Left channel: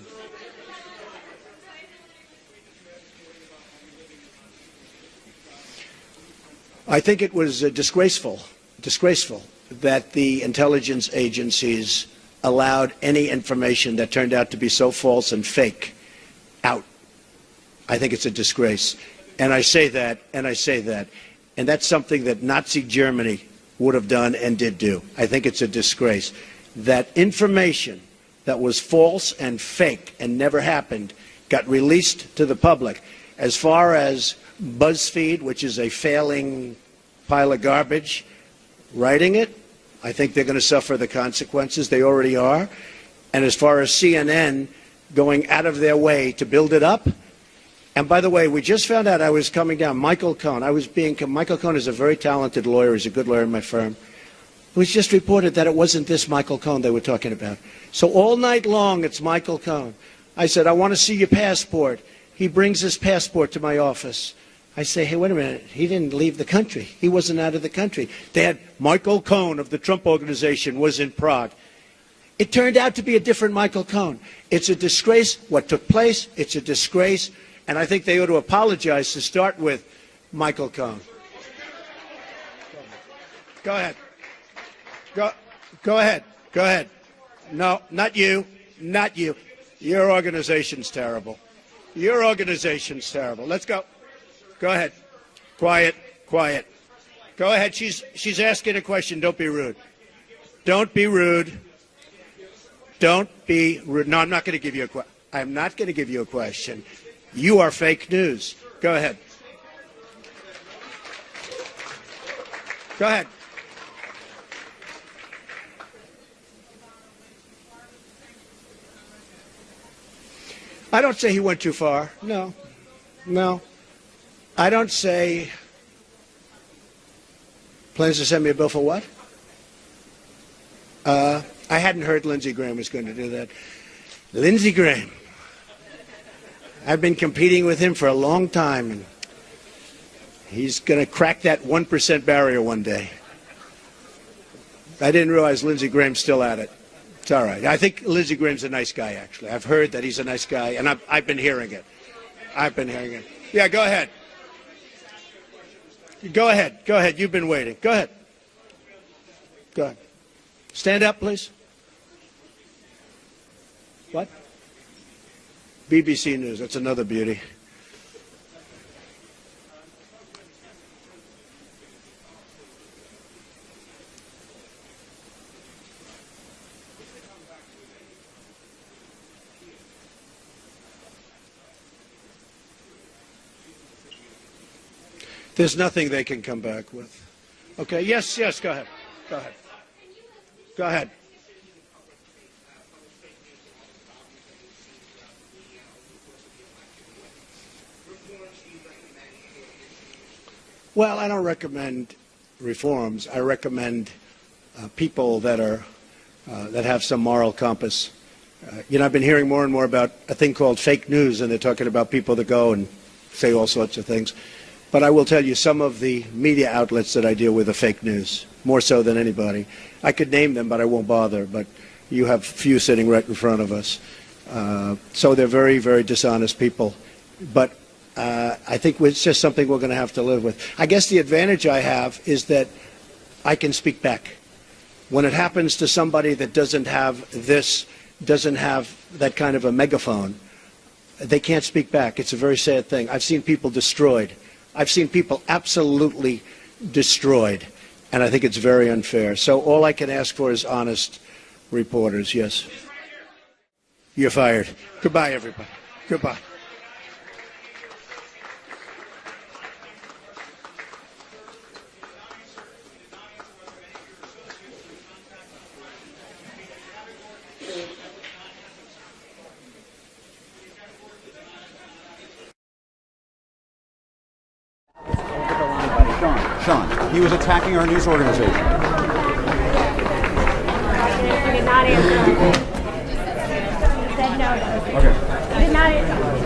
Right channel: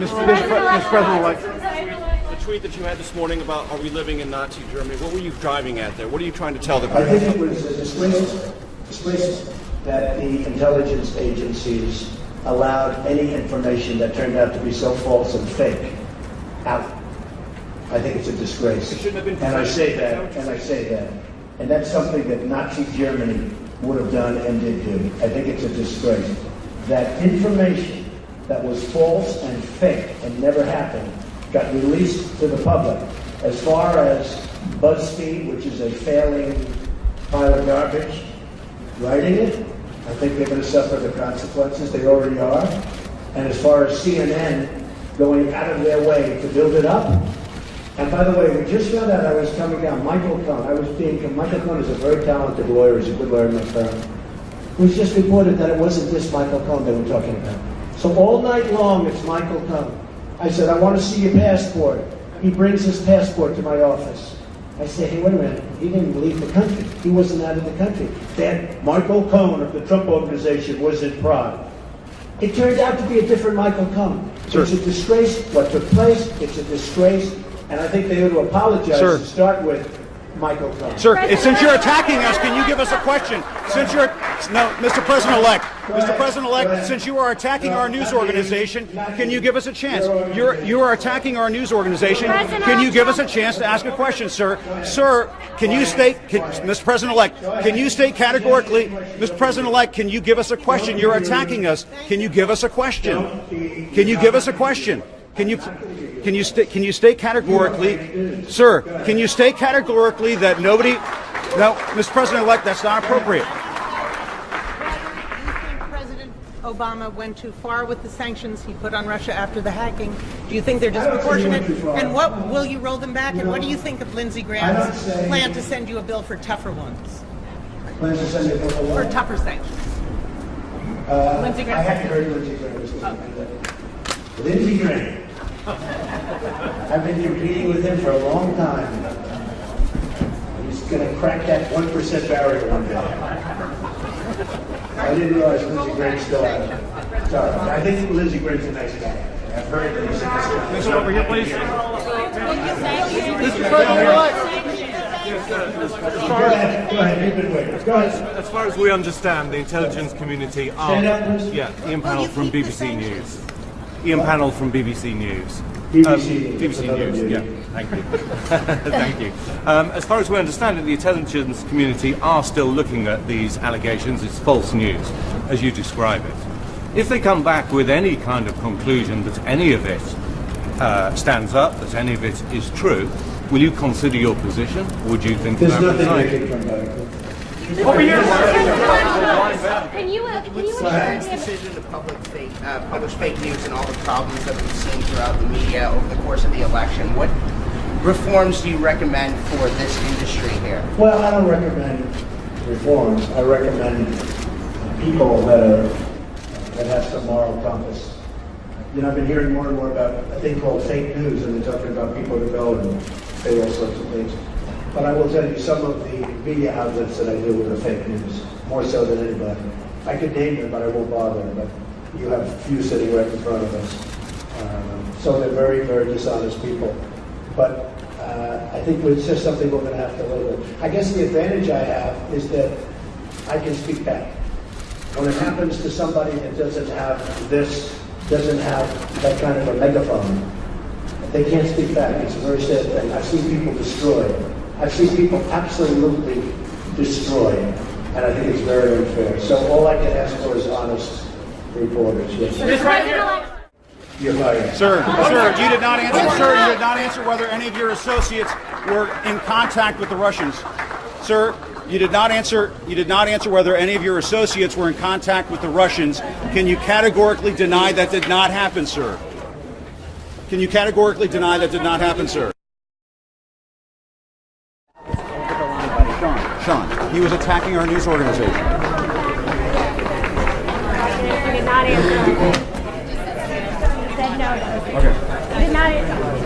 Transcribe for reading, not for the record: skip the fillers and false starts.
Mr. President-elect. The tweet that you had this morning about are we living in Nazi Germany, what were you driving at there? What are you trying to tell the I country? think it was disgraceful that the intelligence agencies allowed any information that turned out to be so false and fake out. I think it's a disgrace. And I say that, and that's something that Nazi Germany would have done and did do. I think it's a disgrace. That information that was false and fake and never happened got released to the public. As far as BuzzFeed, which is a failing pile of garbage, writing it, I think they're going to suffer the consequences. They already are. And as far as CNN going out of their way to build it up, and by the way, we just found out I was coming down. Michael Cohen, Michael Cohen is a very talented lawyer, he's a good lawyer in my firm. It was just reported that it wasn't this Michael Cohen they were talking about. So all night long, it's Michael Cohen. I said, I want to see your passport. He brings his passport to my office. I say, hey, wait a minute, he didn't leave the country. He wasn't out of the country. That Michael Cohen of the Trump Organization was in Prague. It turned out to be a different Michael Cohen. Sure. It's a disgrace what took place. It's a disgrace. And I think they ought to apologize to start with Michael Cohen. Sir, since you're attacking us, can you give us a question? Mr. President-elect. Go ahead. Mr. President-elect, since you are attacking our news organization, can you give us a chance? Your organization. You are attacking our news organization. Can you give us a chance to ask a question, sir? Go ahead. Sir, can you state, Mr. President-elect, can you state categorically, Mr. President-elect, can you give us a question? You're attacking us. Can you give us a question? Don't be rude. Can you give us a question? I'm not going to give you a question. Can you state categorically? You are fake news. Sir, go ahead. Can you state categorically that nobody... No, Mr. President-elect, that's not appropriate. Do you think President Obama went too far with the sanctions he put on Russia after the hacking? Do you think they're disproportionate? I don't say he went too far. And what will you roll them back? No. And what do you think of Lindsey Graham's plan to send you a bill for tougher ones? Plans to send me a bill for what? For tougher sanctions. I hadn't heard Lindsey Graham was going to do that. Lindsey Graham. I've been competing with him for a long time. He's going to crack that 1% barrier one day. I didn't realize Lindsey Graham's still at it. It's all right. I think Lindsey Graham's a nice guy, actually. I've heard that he's a nice guy, and I've been hearing it. Yeah, go ahead. Go ahead. You've been waiting. Go ahead. As far as we understand, the intelligence community... Stand up, please. Yeah, Ian Pannell from BBC News. Ian Pannell from BBC News. BBC News. BBC Another News. beauty. Yeah, thank you. Thank you. As far as we understand it, the intelligence community are still looking at these allegations. It's false news, as you describe it. If they come back with any kind of conclusion that any of it stands up, that any of it is true, will you consider your position? Would you think there's that nothing they can come back with? Can you This decision to publish fake news and all the problems that we've seen throughout the media over the course of the election, what reforms do you recommend for this industry here? Well, I don't recommend reforms. I recommend people that have some moral compass. I've been hearing more and more about a thing called fake news, and they're talking about people that go and say all sorts of things. But I will tell you, some of the media outlets that I deal with are fake news, more so than anybody. I could name them, but I won't bother. But you have a few sitting right in front of us. So they're very, very dishonest people. But I think it's just something we're going to have to live with. I guess the advantage I have is that I can speak back. When it happens to somebody that doesn't have that kind of a megaphone, they can't speak back. It's a very sad thing. I've seen people destroyed. I've seen people absolutely destroyed. And I think it's very unfair. So all I can ask for is honest reporters. Yes. You're fired. Sir, you did not answer whether any of your associates were in contact with the Russians. Sir, you did not answer whether any of your associates were in contact with the Russians. Can you categorically deny that did not happen, sir? Can you categorically deny that did not happen, sir? Sean, he was attacking our news organization. He did not answer. He said no. Okay. He did not answer.